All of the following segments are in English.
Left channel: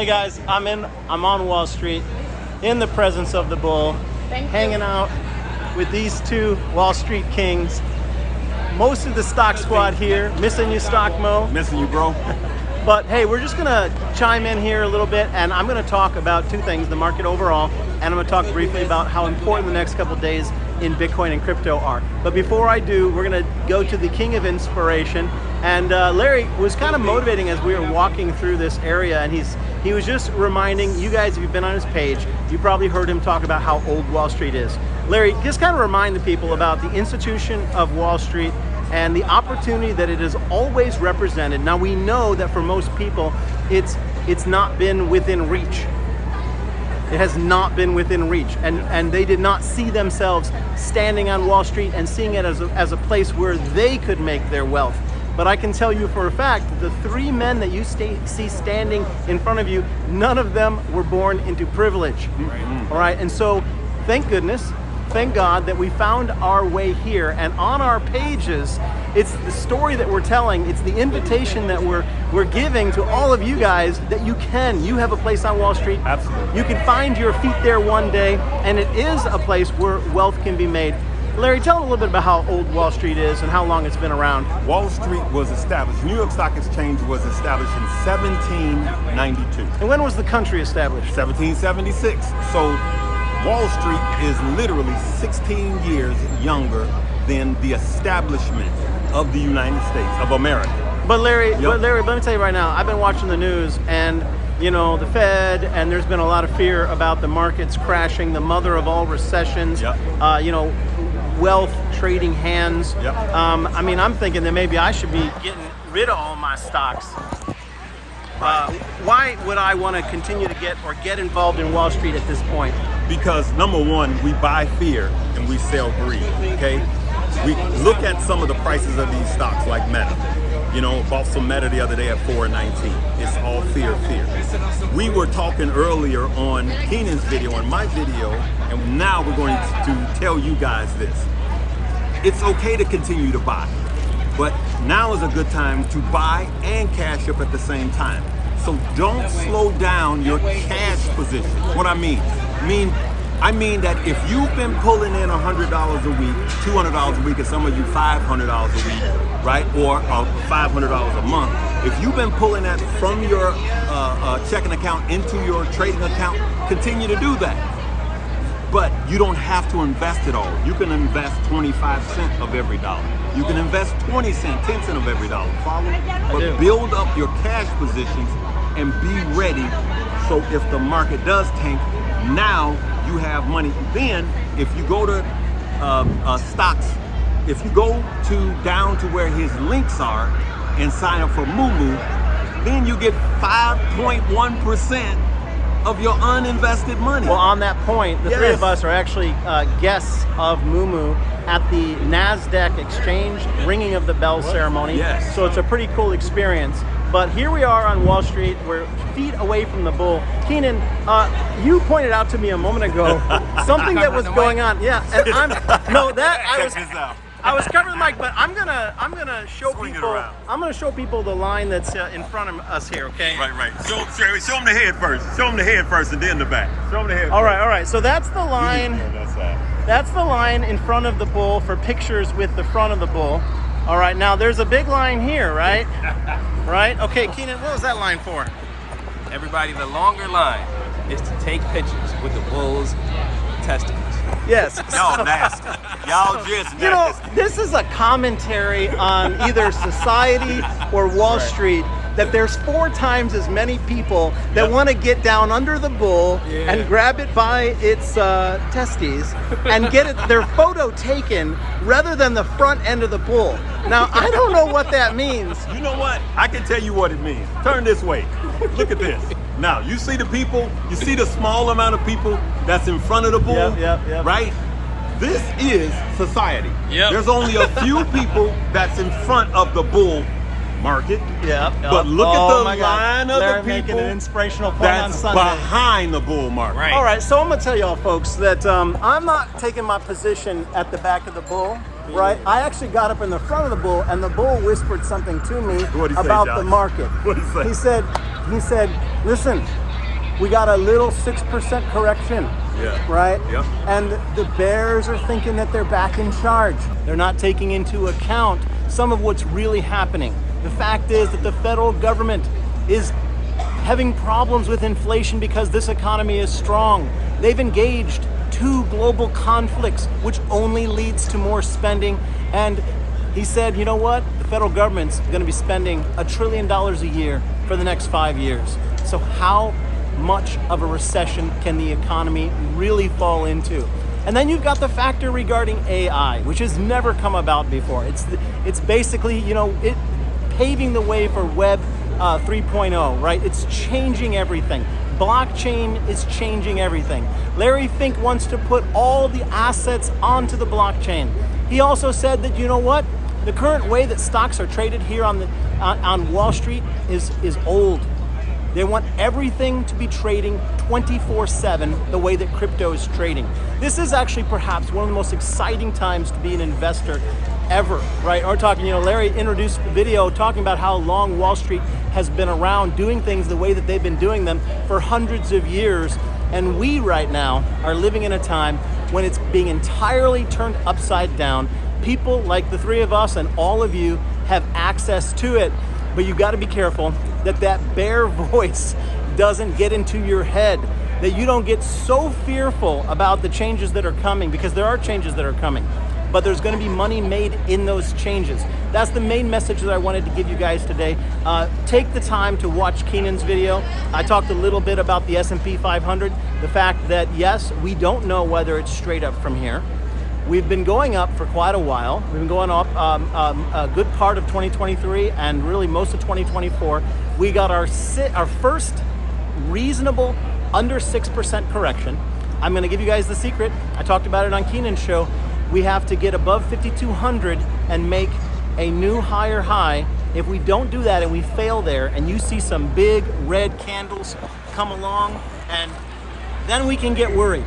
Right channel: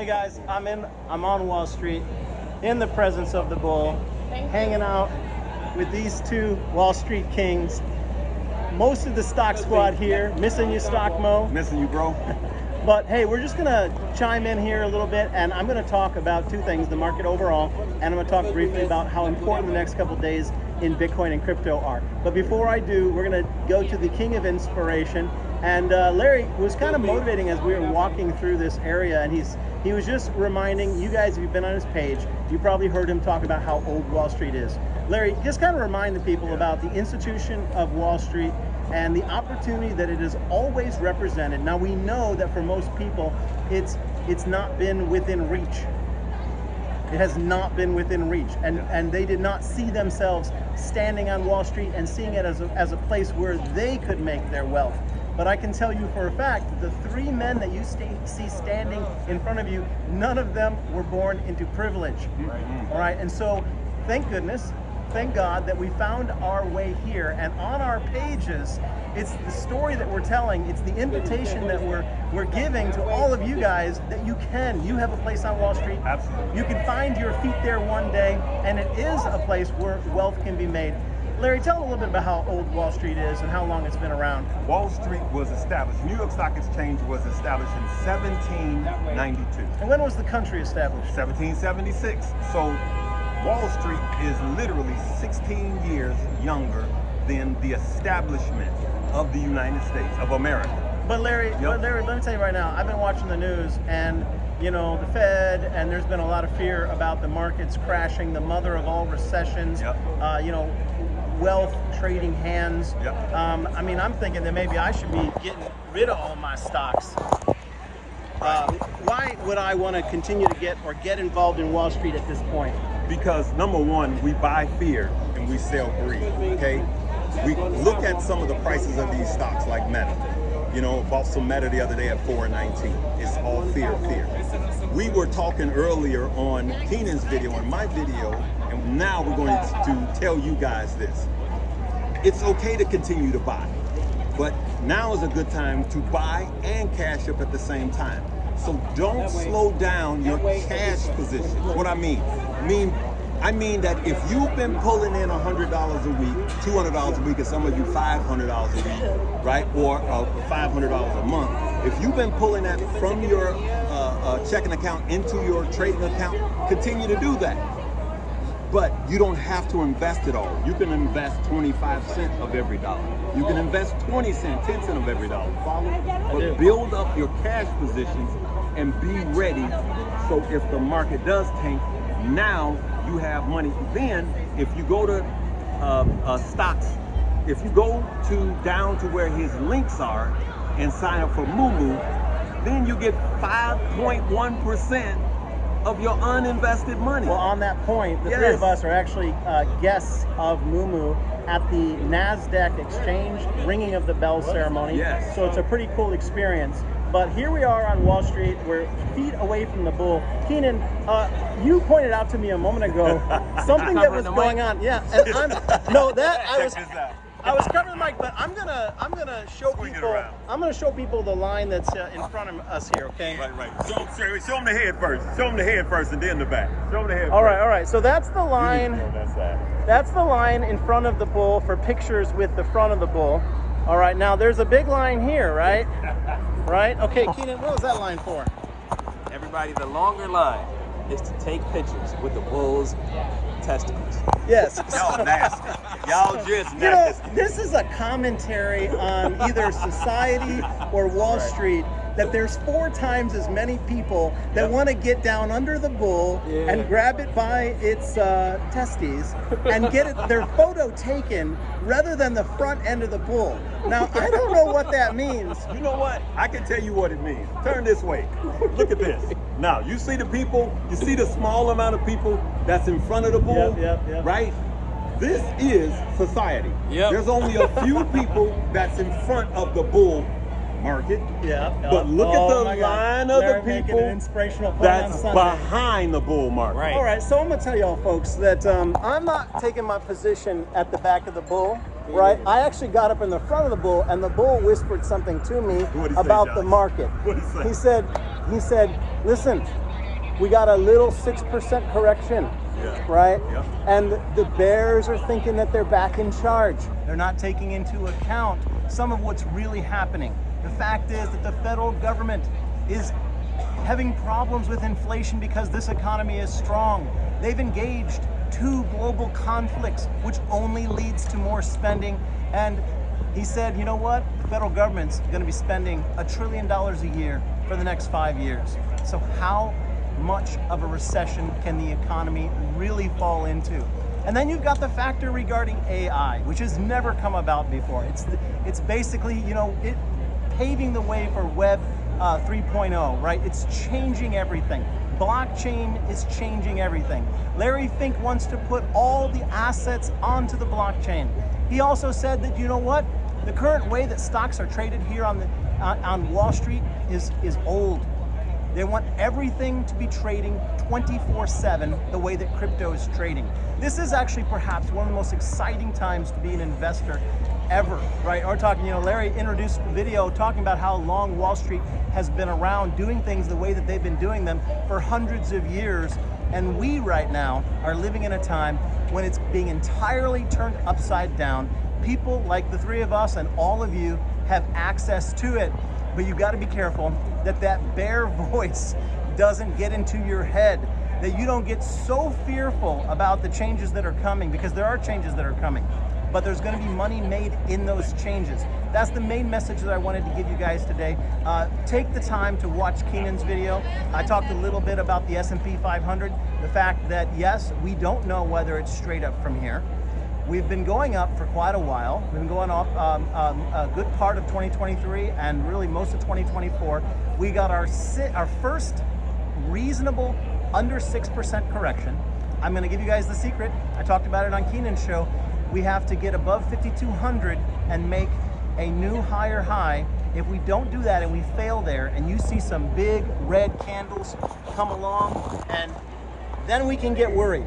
Hey guys, I'm on Wall Street in the presence of the bull, hanging out with these two Wall Street kings. Most of the stock squad here. Missing you, Stock Mo. Missing you, bro. But hey, we're just gonna chime in here a little bit, and I'm gonna talk about two things: the market overall, and I'm gonna talk briefly about how important the next couple days in Bitcoin and crypto are. But before I do, we're gonna go to the king of inspiration. And Larry was kind of motivating as we were walking through this area, and he was just reminding you guys, if you've been on his page, you probably heard him talk about how old Wall Street is. Larry, just kind of remind the people about the institution of Wall Street and the opportunity that it has always represented. Now we know that for most people, it's not been within reach. It has not been within reach, and they did not see themselves standing on Wall Street and seeing it as a place where they could make their wealth. But I can tell you for a fact, the three men that you see standing in front of you, none of them were born into privilege. All right, and so thank goodness, thank God that we found our way here, and on our pages, it's the story that we're telling, it's the invitation that we're giving to all of you guys that you have a place on Wall Street. Absolutely. You can find your feet there one day, and it is a place where wealth can be made. Larry, tell a little bit about how old Wall Street is and how long it's been around. Wall Street was established, New York Stock Exchange was established in 1792. And when was the country established? 1776. So Wall Street is literally 16 years younger than the establishment of the United States of America. But Larry, let me tell you right now, I've been watching the news, and you know, the Fed, and there's been a lot of fear about the markets crashing, the mother of all recessions. You know, wealth trading hands. I mean, I'm thinking that maybe I should be getting rid of all my stocks. Why would I want to continue to get involved in Wall Street at this point? Because number one, we buy fear and we sell greed, okay? We look at some of the prices of these stocks like Meta. You know, bought some Meta the other day at $4.19. It's all fear, fear. We were talking earlier on Keenan's video and my video, and now we're going to tell you guys this. It's okay to continue to buy, but now is a good time to buy and cash up at the same time. So don't slow down your cash position. What I mean that if you've been pulling in $100 a week, $200 a week, and some of you $500 a week, right? Or $500 a month. If you've been pulling that from your checking account into your trading account, continue to do that. But you don't have to invest it all. You can invest 25 cents of every dollar. You can invest 20 cents, 10 cents of every dollar. Follow me? But build up your cash positions and be ready. So if the market does tank, now you have money. Then if you go to stocks, if you go down to where his links are and sign up for MOOMOO, then you get 5.1% of your uninvested money. Well, on that point, the three of us are actually guests of MOOMOO at the NASDAQ exchange ringing of the bell ceremony. Yes. So it's a pretty cool experience. But here we are on Wall Street. We're feet away from the bull. Keenan, you pointed out to me a moment ago something that was going on. Yeah, and I was covering the mic, but I'm gonna show people. I'm gonna show people the line that's in front of us here. Okay. Right. Show them the head first. Show them the head first, and then the back. Show them the head. All right. So that's the line. That's the line in front of the bull for pictures with the front of the bull. All right. Now there's a big line here, right? Right. Okay, Keenan, what was that line for? Everybody, the longer line is to take pictures with the bull's testicles. Yes. Y'all nasty. Y'all just nasty. You know, this is a commentary on either society or Wall Street, that there's 4 times as many people that want to get down under the bull and grab it by its testes and get their photo taken rather than the front end of the bull. Now, I don't know what that means. You know what? I can tell you what it means. Turn this way. Look at this. Now, you see the people, you see the small amount of people that's in front of the bull, right? This is society. There's only a few people that's in front of the bull market. But look at the line of the people an inspirational that's behind the bull market. Right. All right, so I'm gonna tell y'all folks that I'm not taking my position at the back of the bull. Right, I actually got up in the front of the bull, and the bull whispered something to me about the market. What did he say? He said, listen, we got a little 6% correction. Yeah. Right? Yeah. And the bears are thinking that they're back in charge. They're not taking into account some of what's really happening. The fact is that the federal government is having problems with inflation because this economy is strong. They've engaged 2 global conflicts, which only leads to more spending. And he said, you know what? The federal government's going to be spending $1 trillion a year for the next 5 years. So how much of a recession can the economy really fall into? And then you've got the factor regarding AI, which has never come about before. It's basically, you know, it paving the way for Web 3.0, right? It's changing everything. Blockchain is changing everything. Larry Fink wants to put all the assets onto the blockchain. He also said that, you know what? The current way that stocks are traded here on Wall Street is old. They want everything to be trading 24/7 the way that crypto is trading. This is actually perhaps one of the most exciting times to be an investor ever, right? We're talking, you know, Larry introduced the video talking about how long Wall Street has been around doing things the way that they've been doing them for hundreds of years. And we right now are living in a time when it's being entirely turned upside down. People like the 3 of us and all of you have access to it, but you got to be careful that that bear voice doesn't get into your head, that you don't get so fearful about the changes that are coming, because there are changes that are coming, but there's going to be money made in those changes. That's the main message that I wanted to give you guys today. Take the time to watch Keenan's video. I talked a little bit about the S&P 500, the fact that yes, we don't know whether it's straight up from here. We've been going up for quite a while. We've been going up a good part of 2023 and really most of 2024. We got our first reasonable under 6% correction. I'm gonna give you guys the secret. I talked about it on Keenan's show. We have to get above 5,200 and make a new higher high. If we don't do that and we fail there and you see some big red candles come along, and then we can get worried.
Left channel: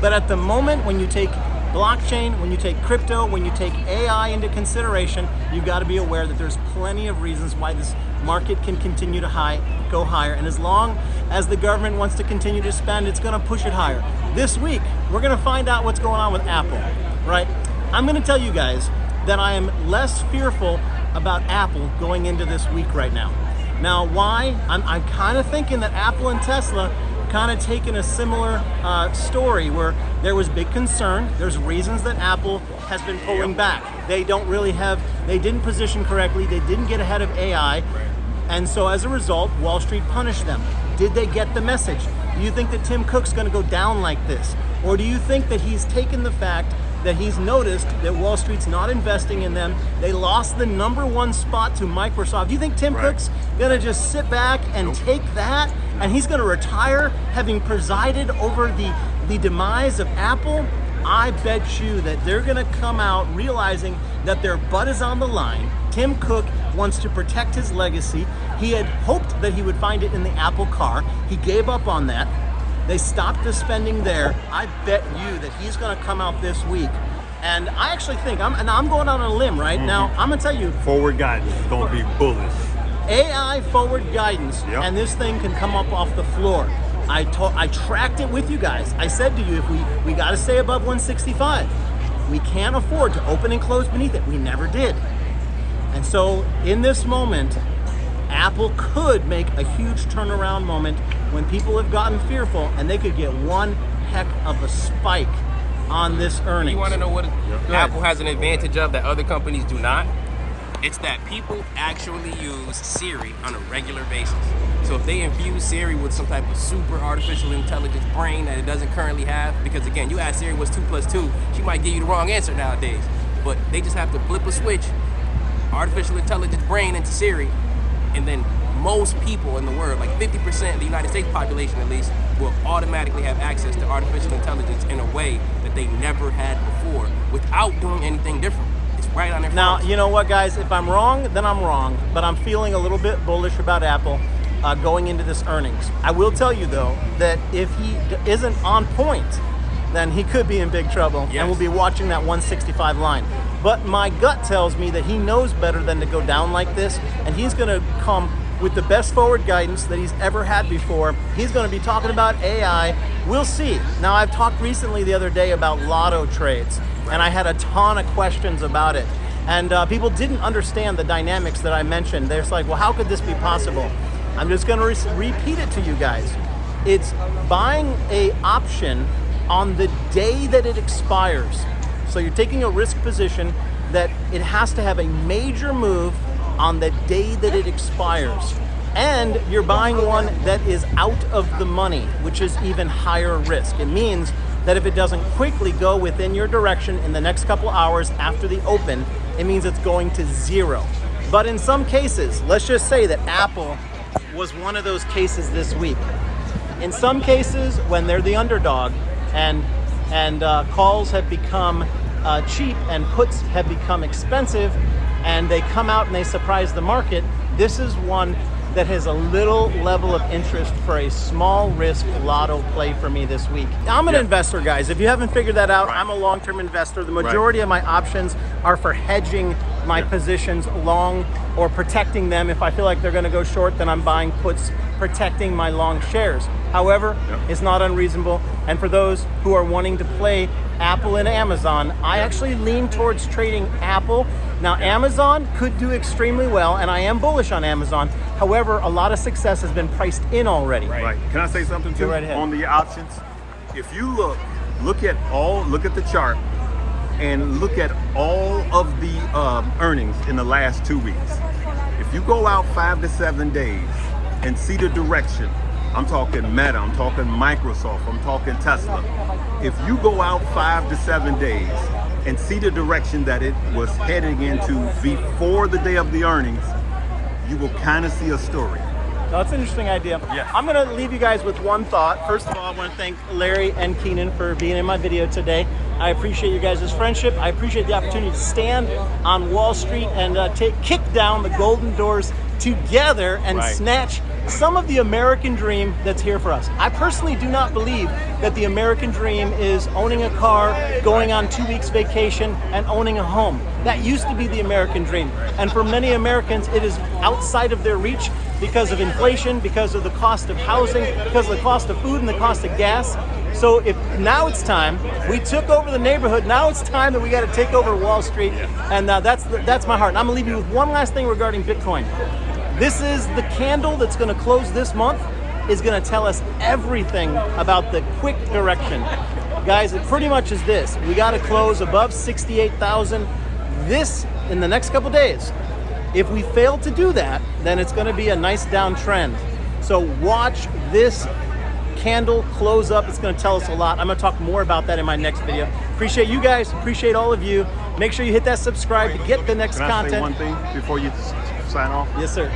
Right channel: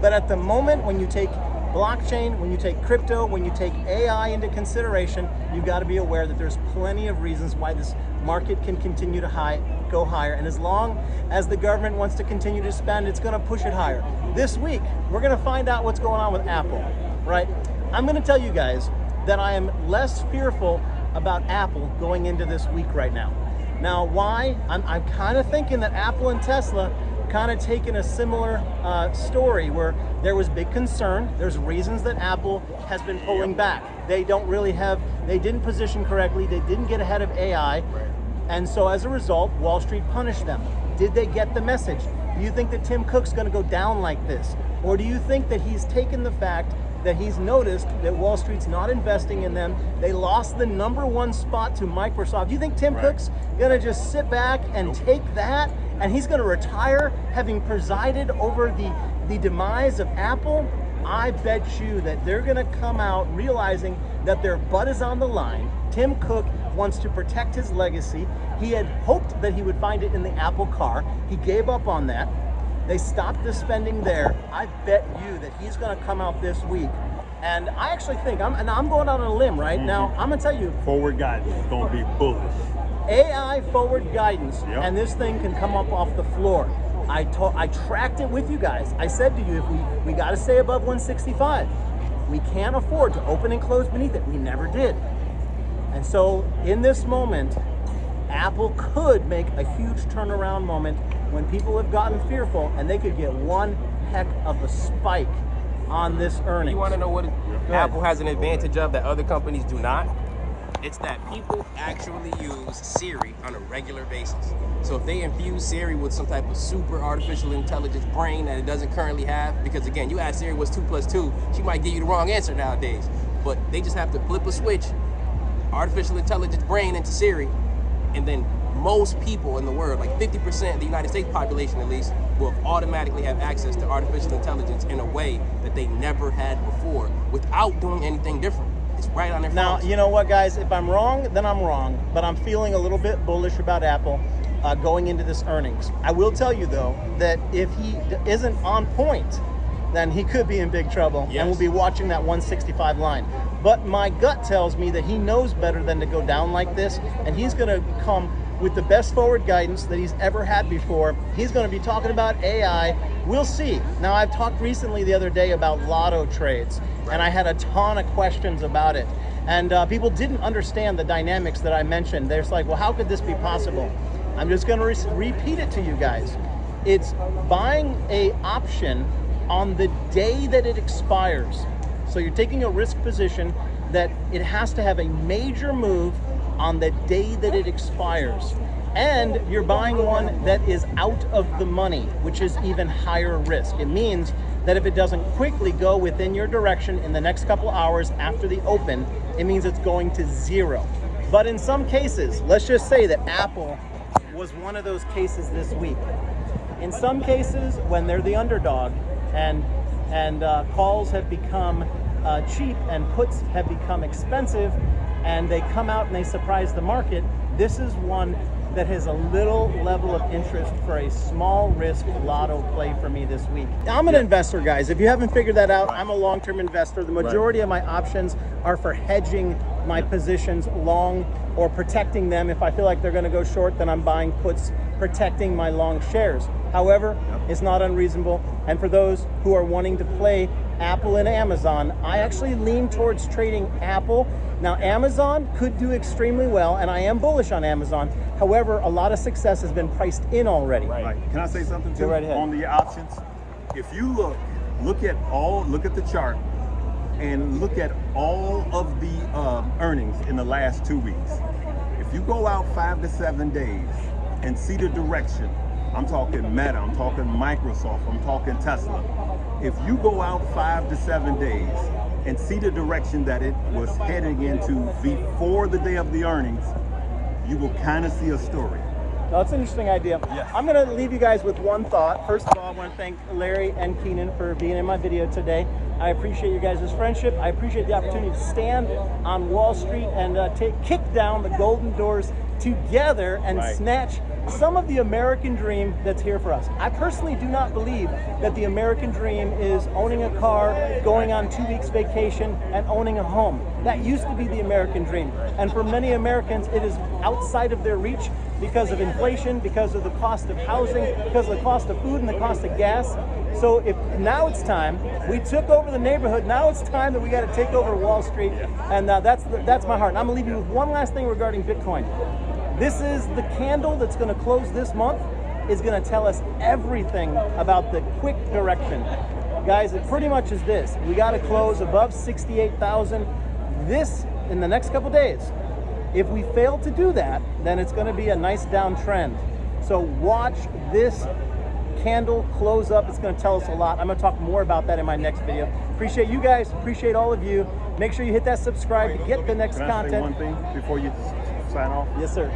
But at the moment, when you take blockchain, when you take crypto, when you take AI into consideration, you've got to be aware that there's plenty of reasons why this market can continue to go higher. And as long as the government wants to continue to spend, it's going to push it higher. This week, we're going to find out what's going on with Apple, right? I'm going to tell you guys that I am less fearful about Apple going into this week right now. Now, why? I'm kind of thinking that Apple and Tesla kind of taken a similar story where there was big concern. There's reasons that Apple has been pulling back. They didn't position correctly. They didn't get ahead of AI. And so as a result, Wall Street punished them. Did they get the message? Do you think that Tim Cook's going to go down like this? Or do you think that he's taken the fact that he's noticed that Wall Street's not investing in them? They lost the #1 spot to Microsoft. Do you think Tim Cook's going to just sit back and take that? And he's going to retire having presided over the demise of Apple? I bet you that they're going to come out realizing that their butt is on the line. Tim Cook wants to protect his legacy. He had hoped that he would find it in the Apple car. He gave up on that. They stopped the spending there. I bet you that he's going to come out this week. And I actually think, I'm going on a limb right now. I'm going to tell you. Forward guidance is going to be bullish. AI forward guidance, and this thing can come up off the floor. I tracked it with you guys. I said to you, if we got to stay above 165. We can't afford to open and close beneath it. We never did. And so in this moment, Apple could make a huge turnaround moment when people have gotten fearful, and they could get one heck of a spike on this earnings. You want to know what Apple has an advantage of that other companies do not? It's that people actually use Siri on a regular basis. So if they infuse Siri with some type of super artificial intelligence brain that it doesn't currently have, because again, you ask Siri what's 2 + 2, she might give you the wrong answer nowadays. But they just have to flip a switch, artificial intelligence brain into Siri, and then most people in the world, like 50% of the United States population at least, will automatically have access to artificial intelligence in a way that they never had before without doing anything different. It's right on their phone. Now, you know what, guys? If I'm wrong, then I'm wrong. But I'm feeling a little bit bullish about Apple going into this earnings. I will tell you, though, that if he isn't on point, then he could be in big trouble. Yes. And we'll be watching that 165 line. But my gut tells me that he knows better than to go down like this, and he's going to come with the best forward guidance that he's ever had before. He's going to be talking about AI. We'll see. Now, I've talked recently the other day about lotto trades, and I had a ton of questions about it. And people didn't understand the dynamics that I mentioned. They're just like, well, how could this be possible? I'm just going to repeat it to you guys. It's buying a option on the day that it expires. So you're taking a risk position that it has to have a major move on the day that it expires. And you're buying one that is out of the money, which is even higher risk. It means that if it doesn't quickly go within your direction in the next couple hours after the open, it means it's going to zero. But in some cases, let's just say that Apple was one of those cases this week. In some cases, when they're the underdog and calls have become cheap and puts have become expensive, and they come out and they surprise the market, this is one that has a little level of interest for a small risk lotto play for me this week. I'm an investor, guys. If you haven't figured that out, I'm a long-term investor. The majority of my options are for hedging my positions long or protecting them. If I feel like they're going to go short, then I'm buying puts protecting my long shares. However, it's not unreasonable. And for those who are wanting to play Apple and Amazon, I actually lean towards trading Apple. Now, Amazon could do extremely well, and I am bullish on Amazon. However, a lot of success has been priced in already. Right. Can I say something too? Go right ahead. On the options? If you look at the chart and look at all of the earnings in the last 2 weeks. If you go out 5 to 7 days and see the direction, I'm talking Meta, I'm talking Microsoft, I'm talking Tesla. If you go out 5 to 7 days and see the direction that it was heading into before the day of the earnings, you will kind of see a story. That's an interesting idea. Yeah. I'm going to leave you guys with one thought. First of all, I want to thank Larry and Keenan for being in my video today. I appreciate you guys' friendship. I appreciate the opportunity to stand on Wall Street and kick down the golden doors together and snatch some of the American dream that's here for us. I personally do not believe that the American dream is owning a car, going on 2 weeks vacation, and owning a home. That used to be the American dream. And for many Americans, it is outside of their reach because of inflation, because of the cost of housing, because of the cost of food and the cost of gas. So if now it's time, we took over the neighborhood, now it's time that we got to take over Wall Street, and that's my heart. And I'm gonna leave you with one last thing regarding Bitcoin. This is the candle that's gonna close this month, is gonna tell us everything about the quick direction. Guys, it pretty much is this. We gotta close above 68,000 this in the next couple days. If we fail to do that, then it's gonna be a nice downtrend. So watch this candle close up. It's gonna tell us a lot. I'm gonna talk more about that in my next video. Appreciate you guys, appreciate all of you. Make sure you hit that subscribe to get the next content. Can I say one thing before you sign off? Yes, sir.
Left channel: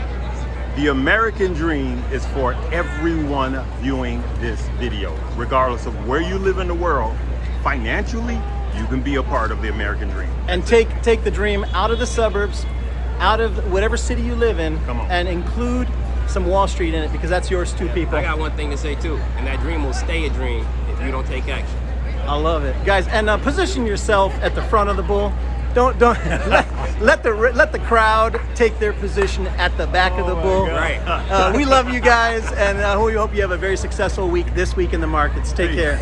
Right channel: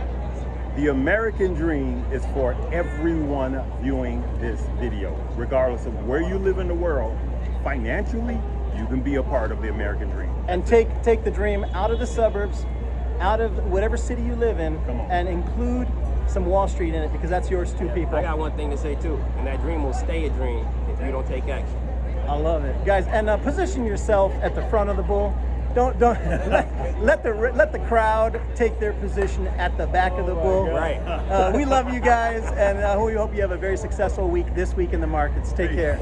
The American dream is for everyone viewing this video. Regardless of where you live in the world, financially, you can be a part of the American dream. And take the dream out of the suburbs, out of whatever city you live in, and include some Wall Street in it, because that's yours too, people. I got one thing to say too, and that dream will stay a dream if you don't take action. I love it, guys. And position yourself at the front of the bull. Don't let the crowd take their position at the back of the bull. Right. We love you guys, and we hope you have a very successful week this week in the markets. Take care.